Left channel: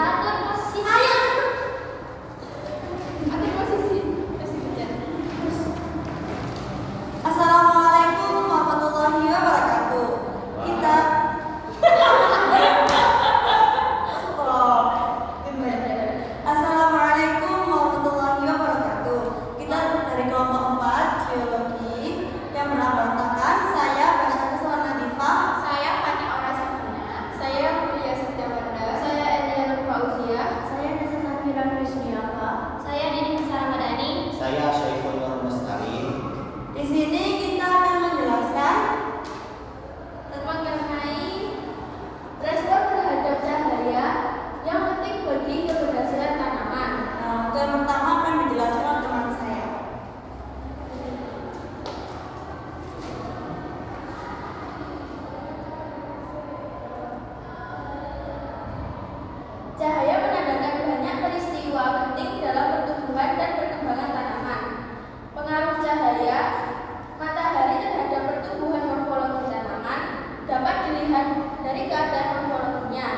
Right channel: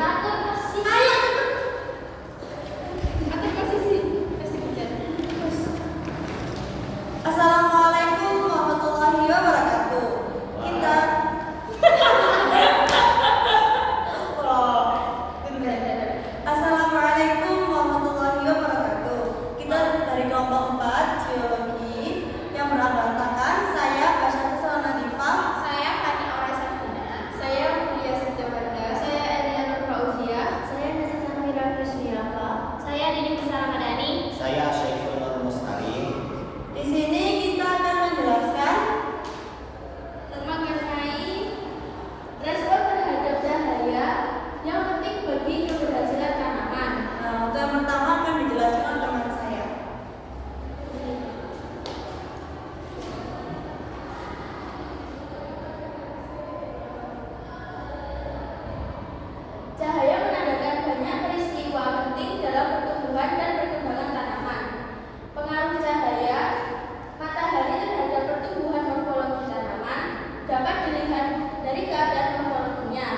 Atur posisi. Ayo cepet. Atur posisi. Terus dipencet. Assalamualaikum warahmatullahi wabarakatuh. Kita Assalamualaikum warahmatullahi wabarakatuh. Kita dari kelompok 4 Geologi yang beranggotakan saya Basya Kusuma Diva, Saya Fani Ora Sabina. Saya Mulia Setiawanda. Saya Elia Nur Fauzia. Saya Nesa Safira Krisniava. Saya Dini Kusalamadani. Saya Syaiful Nur Mustari. di sini kita akan menjelaskan Mengenai respon terhadap cahaya yang penting bagi keberhasilan tanaman. untuk yang pertama akan dijelaskan oleh teman saya. Cahaya menandakan banyak peristiwa penting dalam pertumbuhan dan perkembangan tanaman. Pengaruh cahaya matahari terhadap pertumbuhan morfologi tanaman dapat dilihat dari keadaan morfologinya.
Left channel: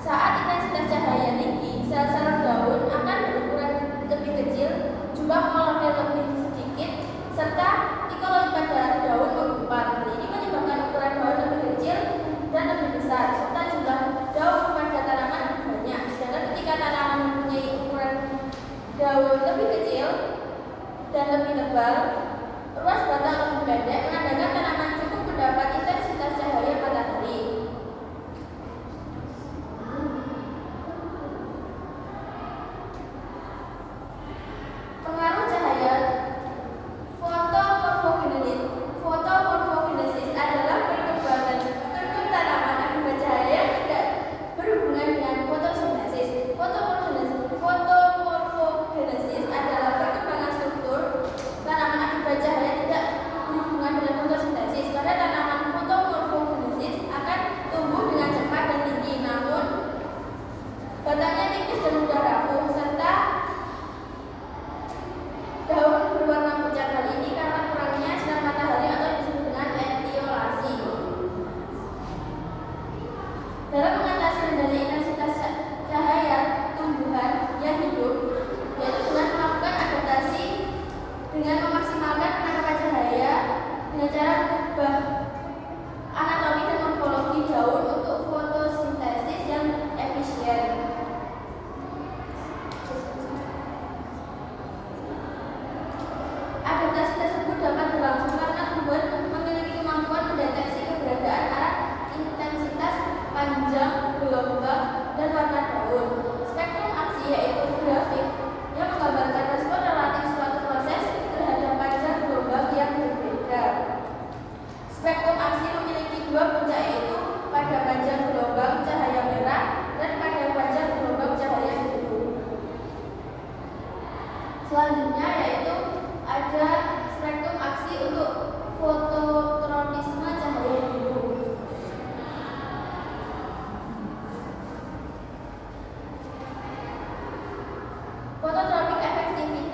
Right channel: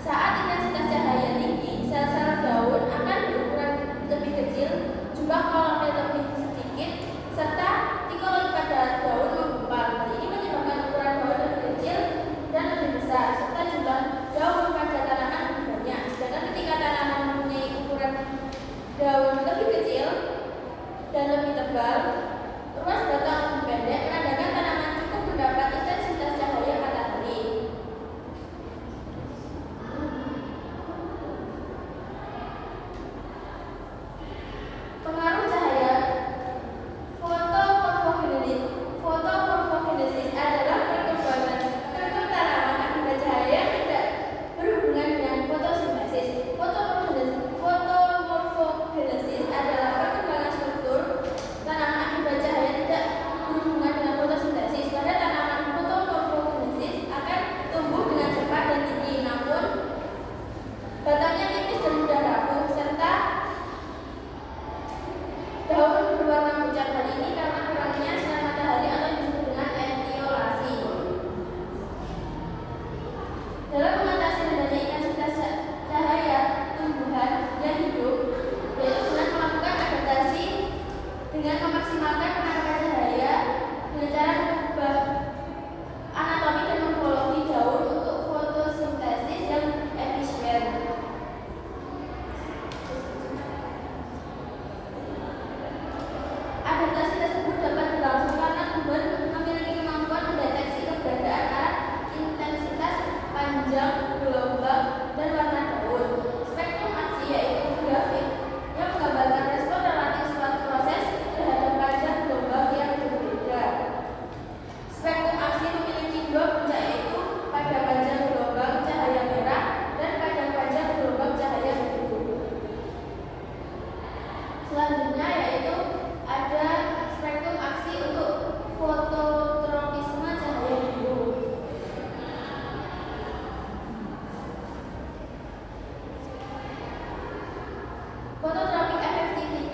Saat intensitas cahaya tinggi, sel-sel daun akan berukuran lebih kecil, jumlah kolonel lebih sedikit, serta tikoloid pada daun menggumpal. Hal ini menyebabkan ukuran daun lebih kecil dan lebih besar, serta jumlah daun pada tanaman lebih banyak. Sedangkan ketika tanaman mempunyai ukuran daun lebih kecil dan lebih tebal, ruas batang lebih pendek, menandakan tanaman cukup mendapat intensitas cahaya matahari. Pengaruh cahaya fotomorfogenesis adalah perkembangan struktur tanaman akibat cahaya yang tidak berhubungan dengan fotosintesis. Fotomorfogenesis adalah perkembangan struktur tanaman akibat cahaya tidak berhubungan dengan fotosintesis. Pada tanaman fotomorfogenesis akan tumbuh dengan cepat dan tinggi, namun batangnya tipis dan mudah rapuh, serta daun berwarna pucat. Hal ini karena kurangnya sinar matahari atau disebut dengan etiolasi. Dalam mengatasi rendahnya intensitas cahaya tumbuhan yang hidup, yaitu dengan melakukan adaptasi dengan memaksimalkan penangkapan cahaya dengan cara mengubah anatomi dan morfologi daun untuk fotosintesis yang efisien. Adaptasi tersebut dapat berlangsung karena tumbuhan memiliki kemampuan mendeteksi keberadaan arah intensitas, panjang, gelombang, dan warna daun. Spektrum aksi yaitu grafik yang menggambarkan respon relatif suatu proses terhadap panjang gelombang yang berbeda. Spektrum aksi memiliki dua puncak, yaitu pada panjang gelombang cahaya merah dan pada panjang gelombang cahaya biru. Selanjutnya yaitu ada spektrum aksi untuk fototropisme cahaya biru. Phototrophic effectivity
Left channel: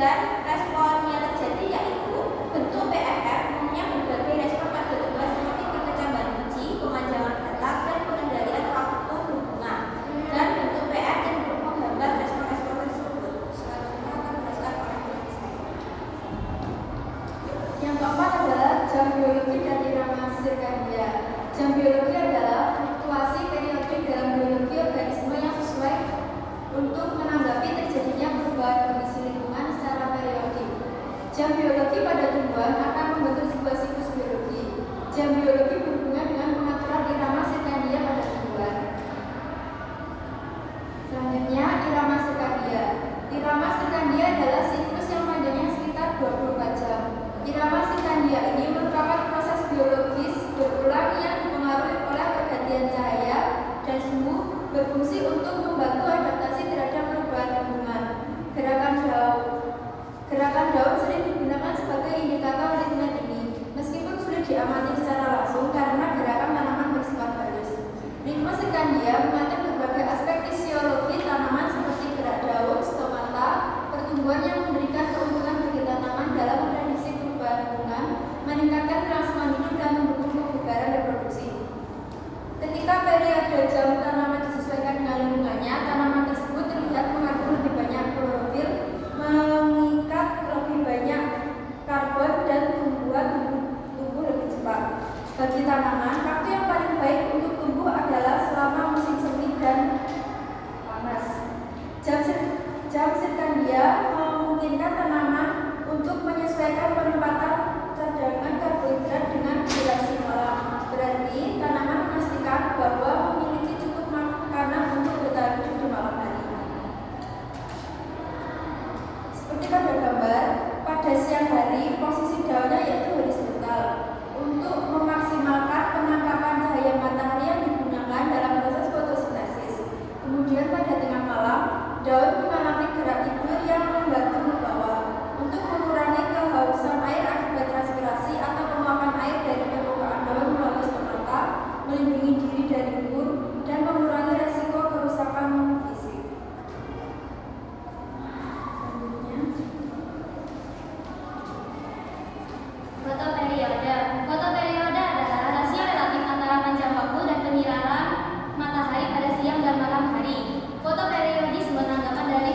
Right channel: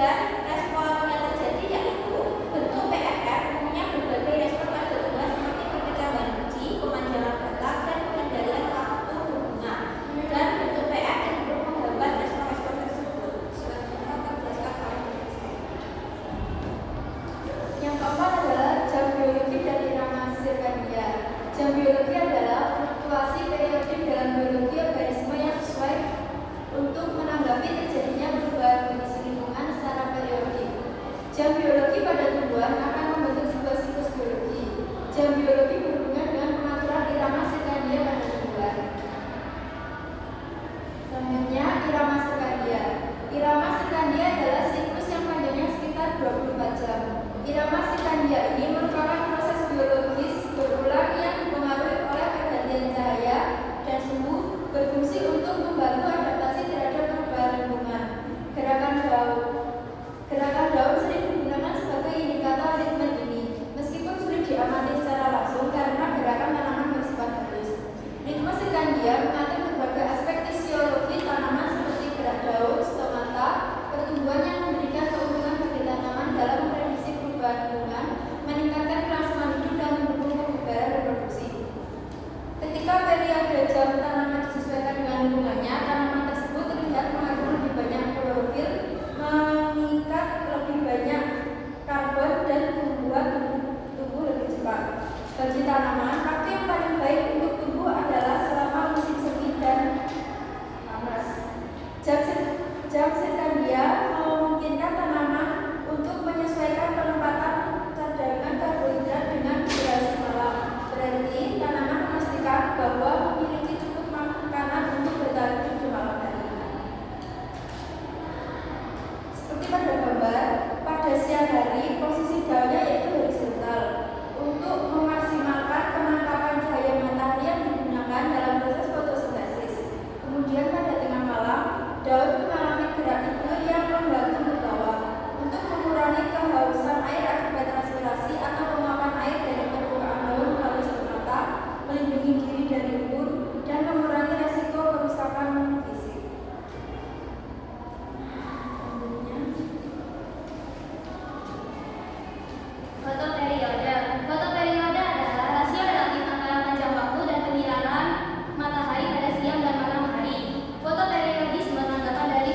Dan respon yang terjadi yaitu bentuk PFR umumnya berbagai respon pada tumbuhan seperti perkecaman biji, pemanjangan batang, dan pengendalian waktu berbunga. Dan bentuk PR cenderung menghambat respon-respon tersebut. Selanjutnya akan dijelaskan oleh dosen. Yang keempat adalah jam biologi dan irama sirkadia. Jam biologi adalah fluktuasi periodik dalam biologi organisme yang sesuai untuk menanggapi terjadinya perubahan kondisi lingkungan secara periodik. Jam biologi pada tumbuhan akan membentuk sebuah siklus biologi. Jam biologi berhubungan dengan pengaturan irama sirkadia pada tumbuhan. Selanjutnya, irama sirkadia. Irama sirkadia adalah siklus yang panjangnya sekitar 24 jam. Irama sirkadia ini merupakan proses biologis berulang yang dipengaruhi oleh pergantian cahaya dan suhu, berfungsi untuk membantu adaptasi terhadap perubahan lingkungan. Gerakan daun sering digunakan sebagai indikator ritme ini, meskipun sulit diamati secara langsung karena gerakan tanaman bersifat halus. Ritme sirkadia mengatur berbagai aspek fisiologi tanaman seperti gerak daun, stomata, pertumbuhan yang memberikan keuntungan bagi tanaman dalam memprediksi perubahan lingkungan, meningkatkan kelangsungan hidup dan mendukung kebugaran reproduksi. Ketika periode jam tanaman disesuaikan dengan lingkungannya, tanaman tersebut terlihat mengandung lebih banyak klorofil, mengikat lebih banyak karbon dan membuat tumbuh lebih cepat. Bagi tanaman, waktu yang paling baik untuk tumbuh adalah selama musim semi dan panas. Jam sirkadia memungkinkan tanaman untuk menyesuaikan penempatan cadangan karbohidrat dengan durasi malam. Berarti tanaman memastikan bahwa memiliki cukup makanan untuk bertahan hidup di malam hari. Seperti pada gambar, pada siang hari posisi daunnya yaitu horizontal untuk memaksimalkan penangkapan cahaya matahari yang digunakan dalam proses fotosintesis. Kemudian pada tengah malam, daun mengalami gerak tidur yang membantu ke bawah untuk mengurangi kehausan air akibat transpirasi atau penguapan air dari permukaan daun melalui stomata, melindungi diri dari embun, dan mengurangi resiko kerusakan fisik. Fotoperiode. Fotoperiode adalah rasio relatif antara panjang waktu dan penyinaran matahari pada siang dan malam hari. Fotoperiodisme tanggapan dari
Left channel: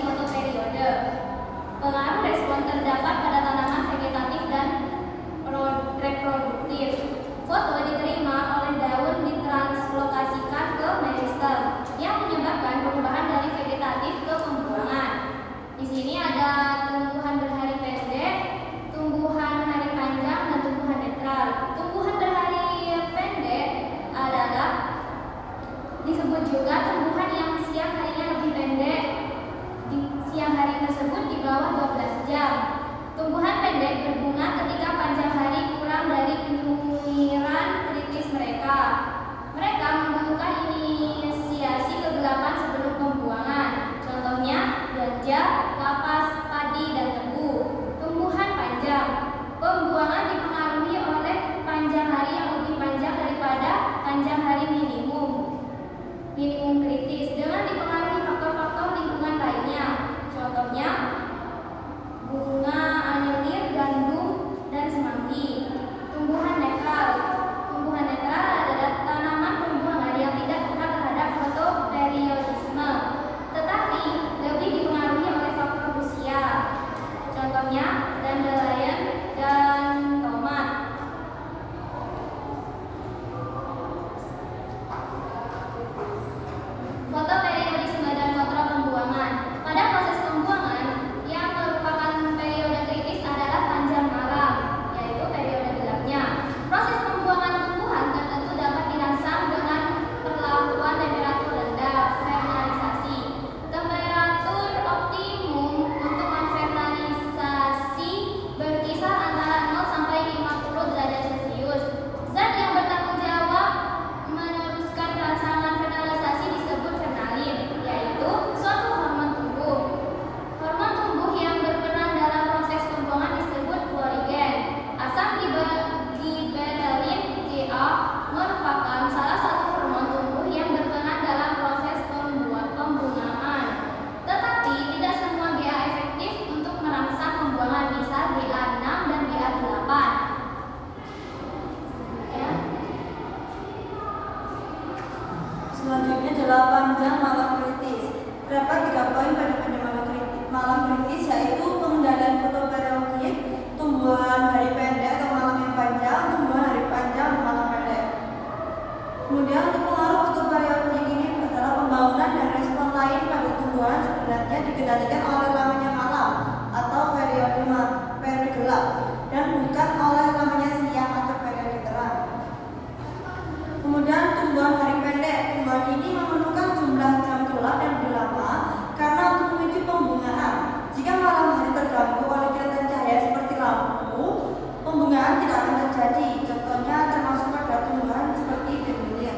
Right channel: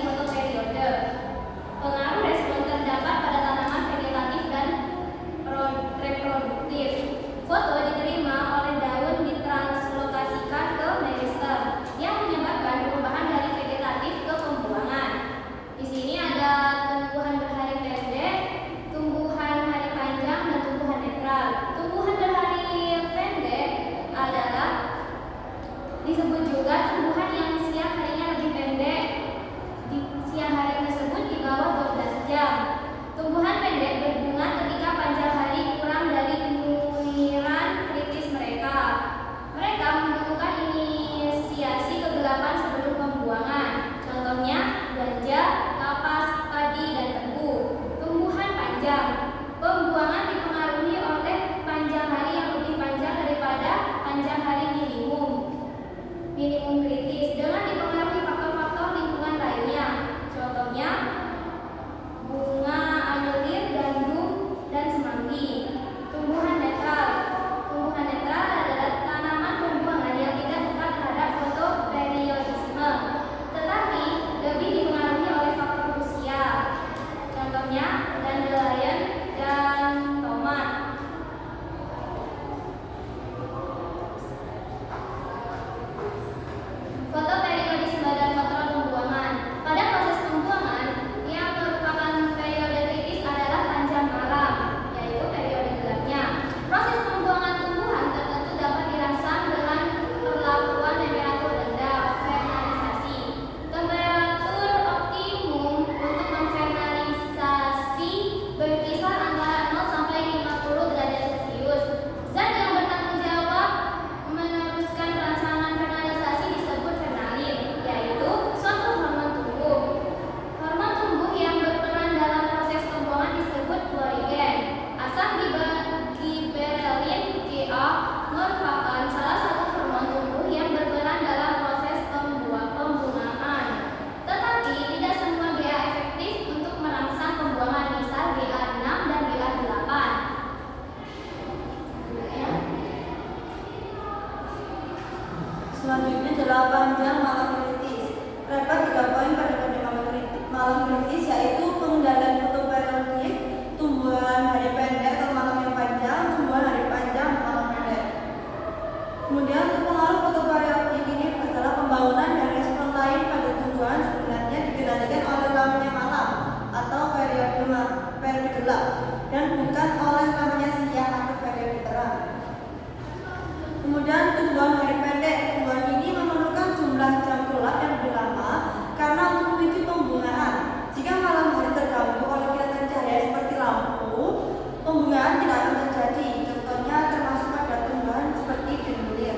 terjadi. Contohnya termasuk pada tumbuhan seperti benvilin.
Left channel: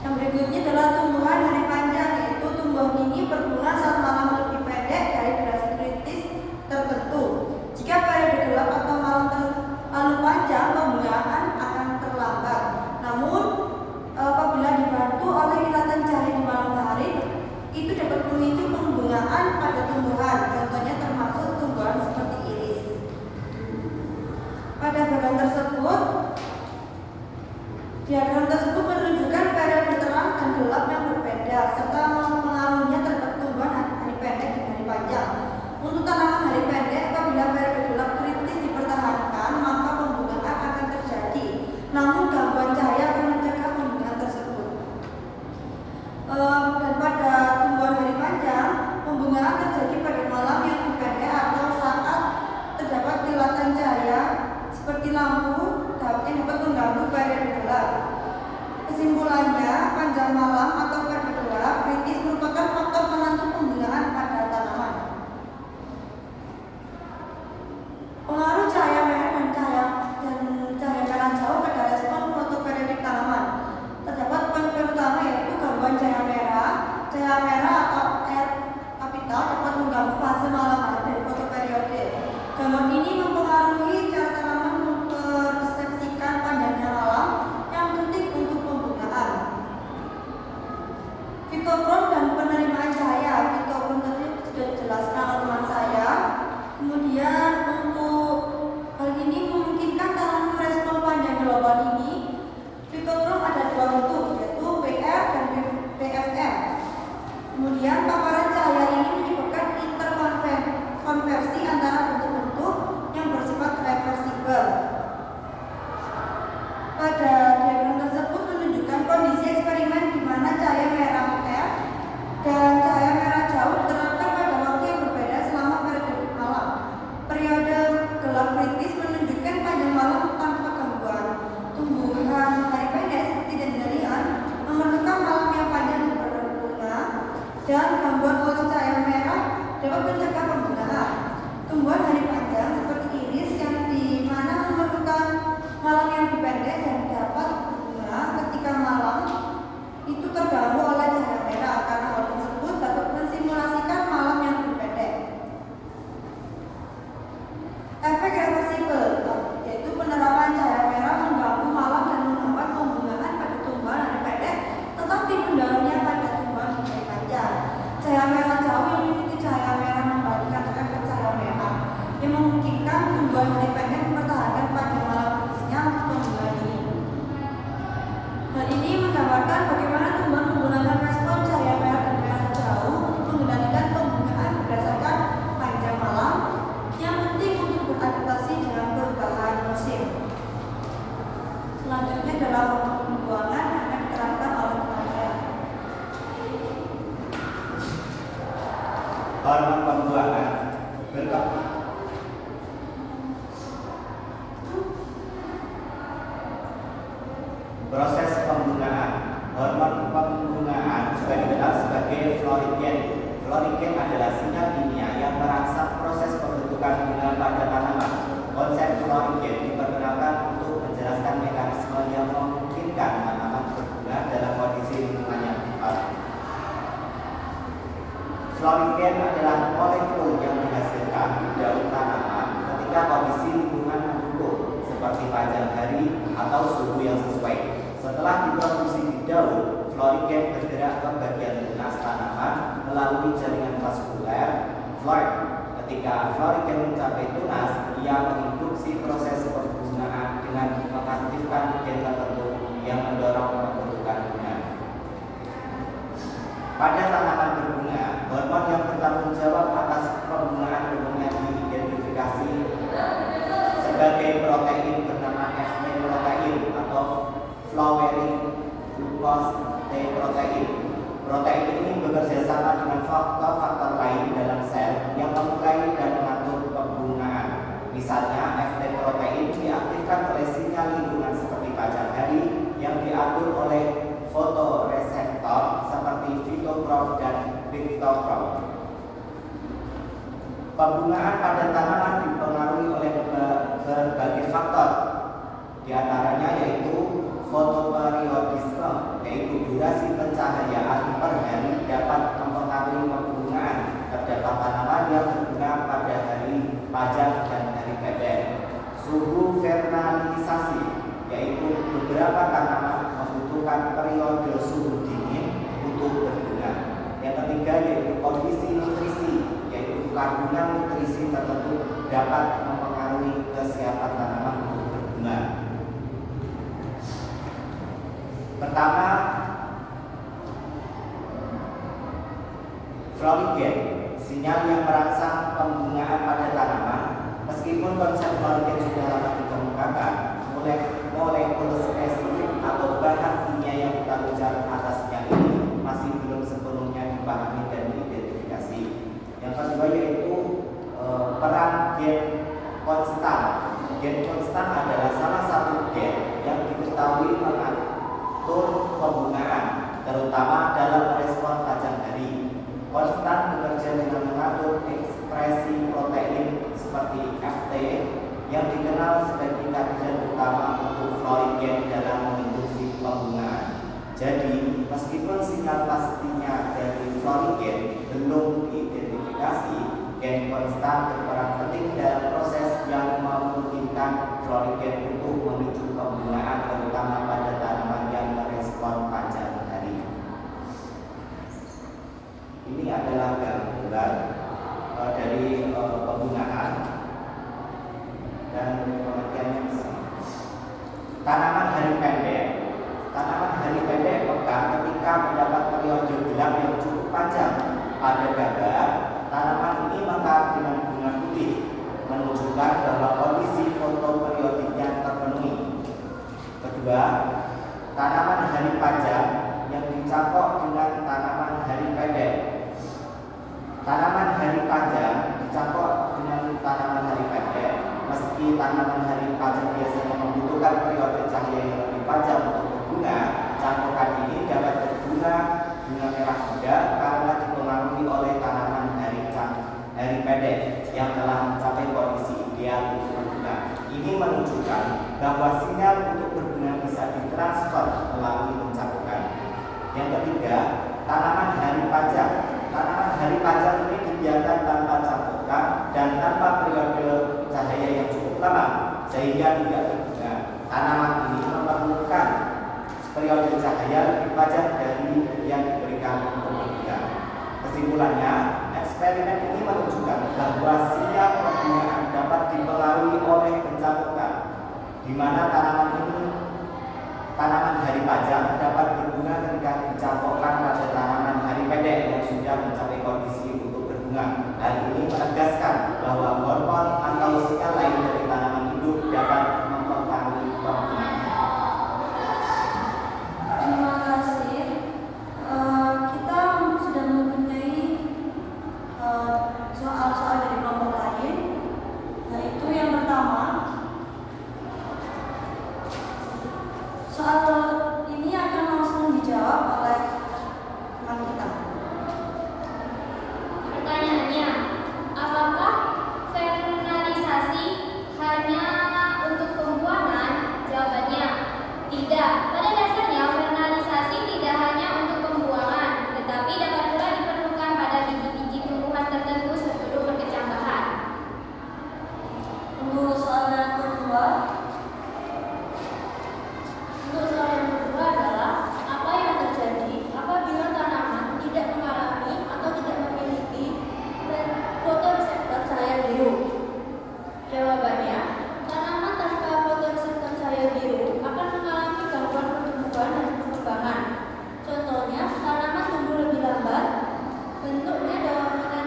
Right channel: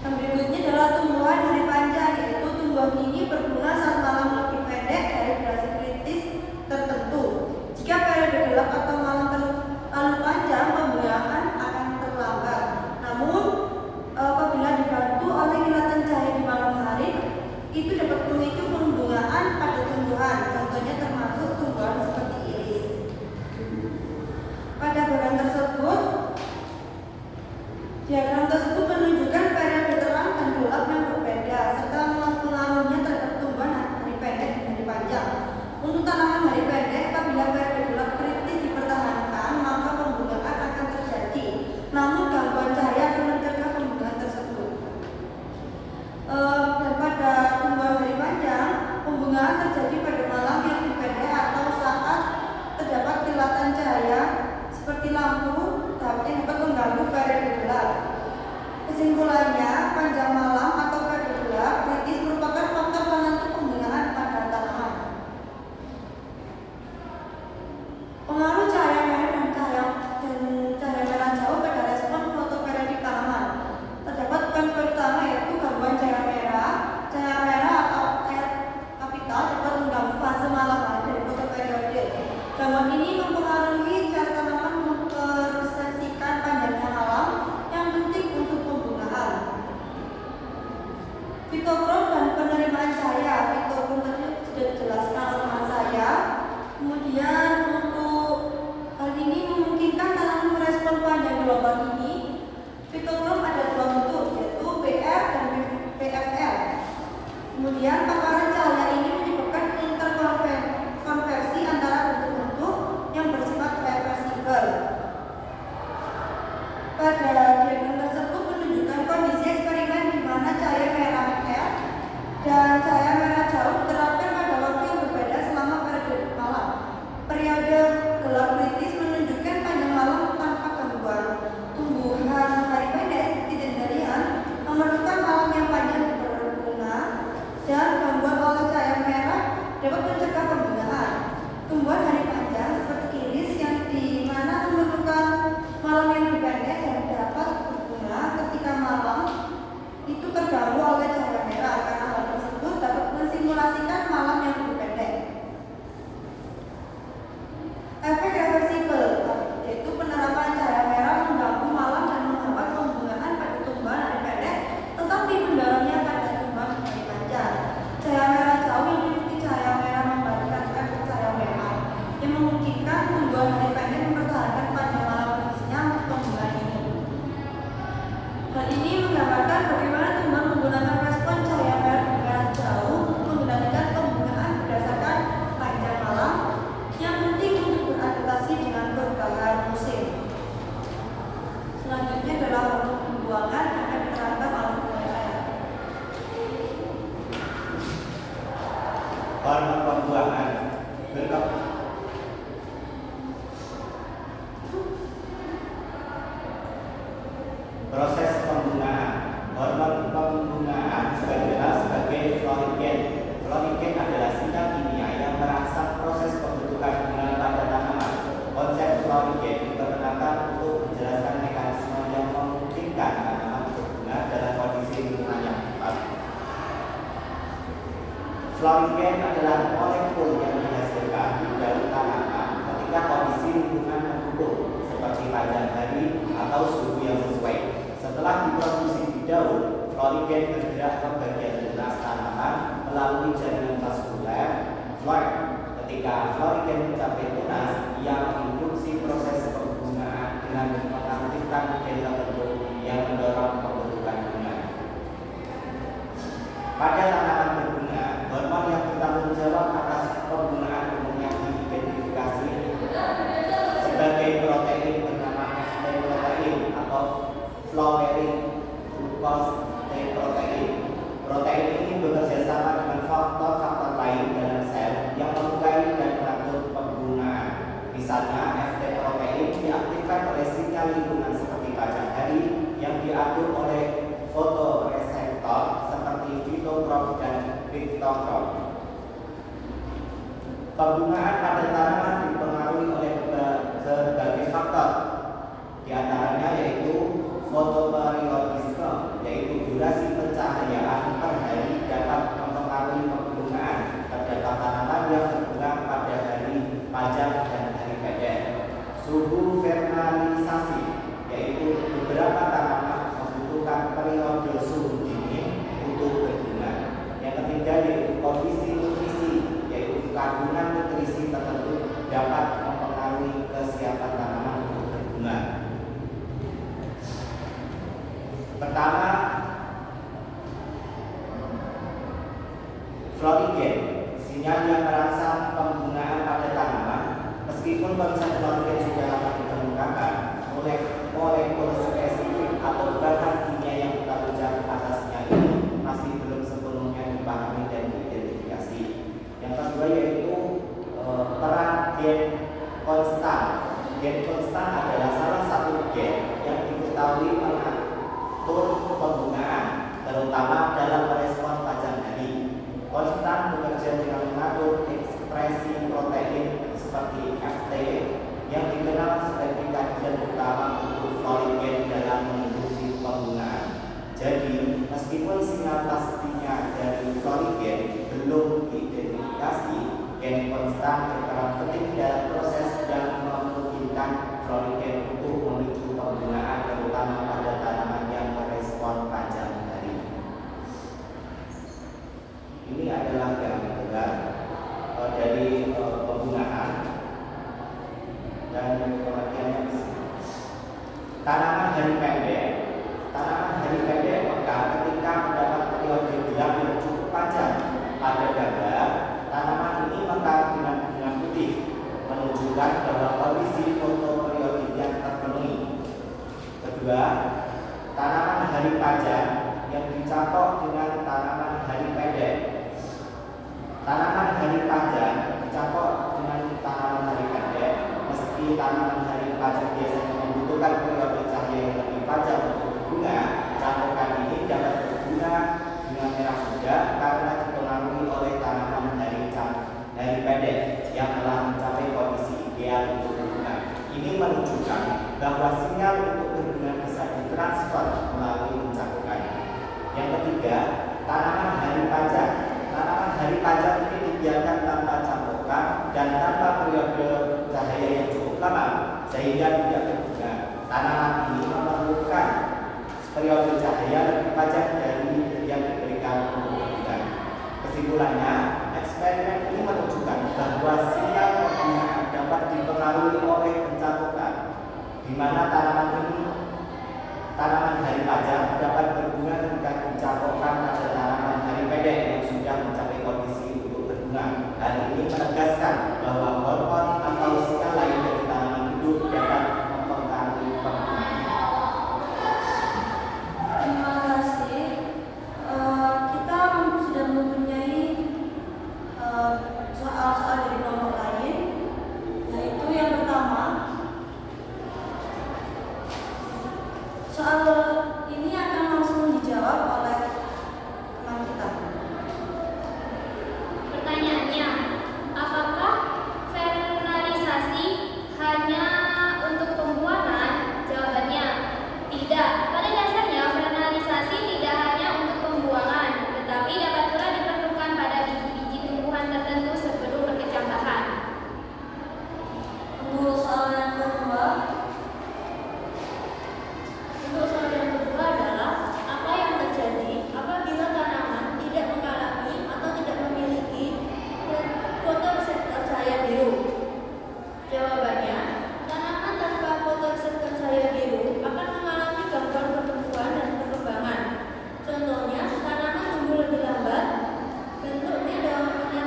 Yang berikutnya adalah tumbuhan hari panjang, yaitu tumbuhan ini berbunga saat malam lebih pendek dari durasi kritis tertentu. Jika periode gelap atau malam terlalu panjang, pembungaan akan terlambat. Namun, apabila dibantu oleh kilatan cahaya di malam hari, itu dapat memicu pembungaan pada tumbuhan. Contohnya termasuk tumbuhan seperti iris. Pada bagian tersebut, diagram tersebut menunjukkan periode terang dan gelap yang berbeda serta pengaruhnya terhadap tumbuhan hari pendek dan hari panjang. Untuk tanaman hari pendek, apabila periode gelap kritis dipertahankan, maka pembungaan akan terjadi. Namun gangguan cahaya akan mencegah pembungaan tersebut. Dan pada tumbuhan hari panjang, pembungaan terjadi pada malam yang lebih pendek atau saat terdapat kilatan cahaya seperti lampu yang dapat mengganggu periode gelap. Kesimpulannya, panjang malam atau periode gelap kritis merupakan faktor penentu pembungaan pada tanaman. Pengaruh cahaya merah dan cahaya merah jauh pada respon fotoperiodik tanaman. Terdapat poin pertama yaitu gangguan cahaya merah. Cahaya merah atau air kapital dapat mengganggu fase malam hari dari fotoperiode. Gangguan ini mempengaruhi cara tanaman mempersepsikan panjangnya malam yang penting untuk pembungaan. Fitokrom dan penerimaan cahaya. Fitokrom tadi sudah dijelaskan oleh teman saya. Kemudian untuk hal ini memungkinkan tanaman merespon panjang global ini. Fitokrom ada dua bentuk, yaitu PR dan PFR. Kemudian paparan cahaya ini menyebabkan interkonversi antara bentuk-bentuk yang bersifat reversibel. Pada diagram tersebut menunjukkan kondisi eksperimen di mana cahaya merah dan cahaya merah jauh diterapkan pada waktu yang berbeda selama periode malam. Periode gelap kritis menunjukkan panjang malam tanpa gangguan. Tumbuhan hari pendek seperti dandelion memerlukan malam yang panjang berbunga, dan gangguan oleh cahaya merah dapat mencegah pembungaan. Tumbuhan hari panjang seperti iris yang di mana memerlukan malam yang lebih pendek dan dapat berbunga ketika malam itu terganggu oleh cahaya merah, karena hal tersebut dapat mensimulasikan malam yang lebih pendek. Efek reversibel, yaitu penerapan cahaya merah mengganggu malam dan menghambat pembungaan pada tumbuhan hari pendek, tetapi mendorongnya pada tumbuhan hari panjang. Cahaya merah jauh yang mengikuti cahaya merah memberikan efek cahaya merah yang memungkinkan tumbuhan hari pendek mempertahankan panjang malam kritisnya untuk pembungaan ini. Hal ini menggambarkan bagaimana tumbuhan menggunakan respon cahaya merah dan merah jauh untuk mengendalikan pembungaan berdasarkan panjang malam yang penting untuk beradaptasi dengan perubahan musim. Selanjutnya adalah pembuangan yang akan diterangkan oleh teman saya. Hormon pembuangan proses pembungaan. Hormon pembungaan juga dikenal sebagai florigen. Florigen adalah sinyal kimia yang merangsang proses pembentukan bunga pada tanaman. Konsep florigen diperkenalkan untuk menjelaskan mekanisme yang memungkinkan tanaman berbunga dalam kondisi lingkungan yang tepat. Florigen adalah molekul yang dihasilkan di daun tanaman ketika kondisi lingkungan mendukung, seperti panjang hari atau suhu yang sesuai. Setelah diproduksi di daun, florigen bergerak ke bagian tunas tanaman melalui jaringan vaskuler florid. Ketika florigen mencapai tunas, ia menginduksi proses pembungaan dengan mengaktifkan gen tertentu yang mendorong pembentukan bunga. Pada tanaman berbunga, hormon yang bertanggung jawab atas pembungaan umumnya diidentifikasi sebagai protein bernama FT protein atau flowering glucose T protein. Protein ini bekerja sama dengan faktor-faktor lain dalam sel yang memulai dan mengatur pembungaan. Misalnya, FT protein diaktifkan oleh sinyal lingkungan seperti panjang hari yang diatur oleh fotoreseptor seperti fitokrom dan piktokrom. Pembungaan pada tanaman dipengaruhi oleh berbagai faktor. Di antaranya yaitu fotoperiodisme, yaitu durasi pencahayaan per hari dapat mempengaruhi pembungaan. Terdapat tanaman yang berbunga pada hari panjang dan hari pendek. Suhu vernalisasi, yaitu beberapa tanaman membutuhkan periode suhu dingin untuk berbunga. Yang ketiga yaitu kondisi nutrisi, yaitu kandungan nutrisi tertentu dapat mempengaruhi kesiapan tanaman untuk berbunga. Pertama, florigen, sinyal yang merangsang pembungaan pada tanaman. Meskipun konsep florigen sudah lama dikemukakan, molekul spesifik atau bahan kimia yang bertanggung jawab atasnya ini masih belum sepenuhnya dipahami dan diidentifikasi. Yang kedua yaitu peran gen konstan. Gen konstan adalah salah satu gen yang diketahui mengatur pembungaan, terutama dalam respon panjang hari. Konstan bekerja dengan mengatur ekspresi protein seperti FT yang dikenal sebagai kandidat utama untuk florigen dalam menginduksi pembungaan. Jadi, meskipun sinyal pastinya dari florigen belum diidentifikasi, gen konstan berperan penting dalam proses yang memungkinkan florigen untuk memicu pembungaan, terutama pada tanaman yang merespon panjang hari. Ini adalah gambaran dari pembungaan dan pengertiannya di sini. Tanaman hari pendek. Tanaman hari pendek mekar ketika mendapat periode gelap yang cukup panjang. Pada gambar, tanaman ini mekar dengan bunga putih, menunjukkan bahwa kondisi fotoperiodik terpenuhi. Kedua, tanaman hari panjang yang dicampur dengan tanaman hari pendek. Tanaman hari panjang dicampur dengan tanaman hari pendek. Meski tanaman hari panjang biasanya membutuhkan periode cahaya yang lebih panjang untuk berbunga, campuran ini dapat berbunga bunga merah muda karena dipengaruhi oleh tanaman hari pendek yang telah mencapai kondisi ideal untuk berbunga. Ini menunjukkan bahwa sinyal untuk berbunga bisa ditransfer melalui pencampuran. Yang ketiga, tanaman hari panjang. Tanaman hari panjang ini dibiarkan tanpa campuran dan tanpa periode cahaya yang cukup lama sehingga tidak berbunga. Tanaman ini memerlukan periode cahaya lebih panjang dari yang diberikan untuk berbunga. Kesimpulannya, eksperimen ini menunjukkan bahwa sinyal pembungaan dapat dipengaruhi oleh pencampuran, di mana tanaman hari panjang dapat berbunga ketika dicampurkan pada tanaman hari pendek yang sudah mencapai kondisi untuk berbunga. Hal ini menegaskan bahwa hormon atau sinyal lain dari tanaman hidup dapat mempengaruhi pembungaan. Terima kasih. Kita sudah mempunyai soal-soal dari kelompok lain, yaitu yang pertama. Soal ini akan langsung dijawab oleh teman kita. Pertanyaannya, apakah vernalisasi hanya untuk pembuangan? Jawabannya, tidak. Pada dasarnya, vernalisasi tidak hanya untuk pembuangan, tetapi dapat pula diperlukan pada biji-biji tumbuhan tertentu sebelum berkecambahan. Untuk soal yang kedua, adalah apa yang terjadi apabila tanaman tidak mengalami atau tidak memiliki fotoreseptor cahaya biru. Jawabannya, Tanaman tanpa fotoreseptor cahaya biru akan mengalami gangguan pertumbuhan dan perkembangan. Contohnya, tanaman tumbuh lebih lambat, bentuknya daunnya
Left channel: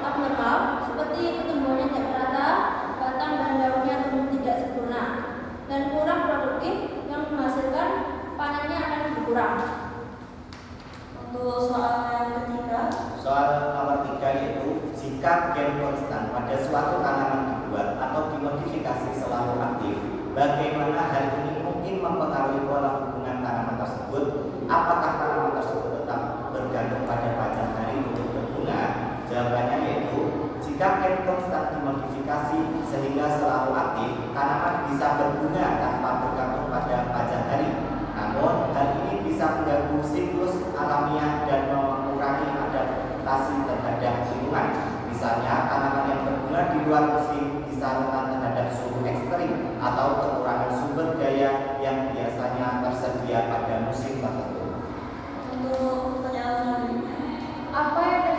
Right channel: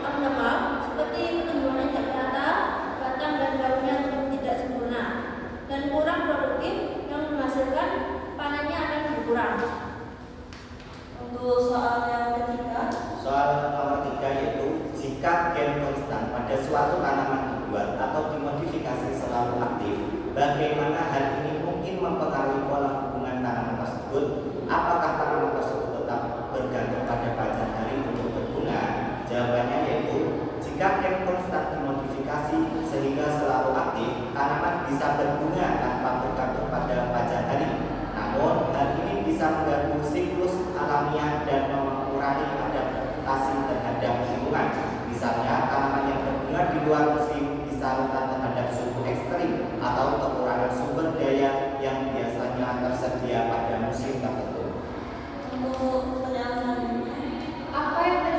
abnormal, seperti pertumbuhannya tidak merata, batang dan daunnya tumbuh tidak sempurna, dan kurang produktif yang menghasilkan panennya akan berkurang. Untuk soal yang ketiga, Soal nomor 3 yaitu jika gen konstan pada suatu tanaman dibuat atau dimodifikasi selalu aktif, bagaimana hal ini mungkin mempengaruhi pola hubungan tanaman tersebut? Apakah tanaman tersebut tetap bergantung pada panjang hari untuk berbunga? Jawabannya yaitu jika gen sehingga selalu aktif, tanaman bisa berbunga tanpa bergantung pada pajak hari. Namun, hal ini bisa mengganggu siklus alamiah dan mengurangi adaptasi terhadap lingkungan. Misalnya, tanaman yang berbunga di luar musim bisa rentan terhadap suhu ekstrim atau kekurangan sumber daya yang biasanya tersedia pada musim tertentu. Untuk pertanyaan selanjutnya, Apa yang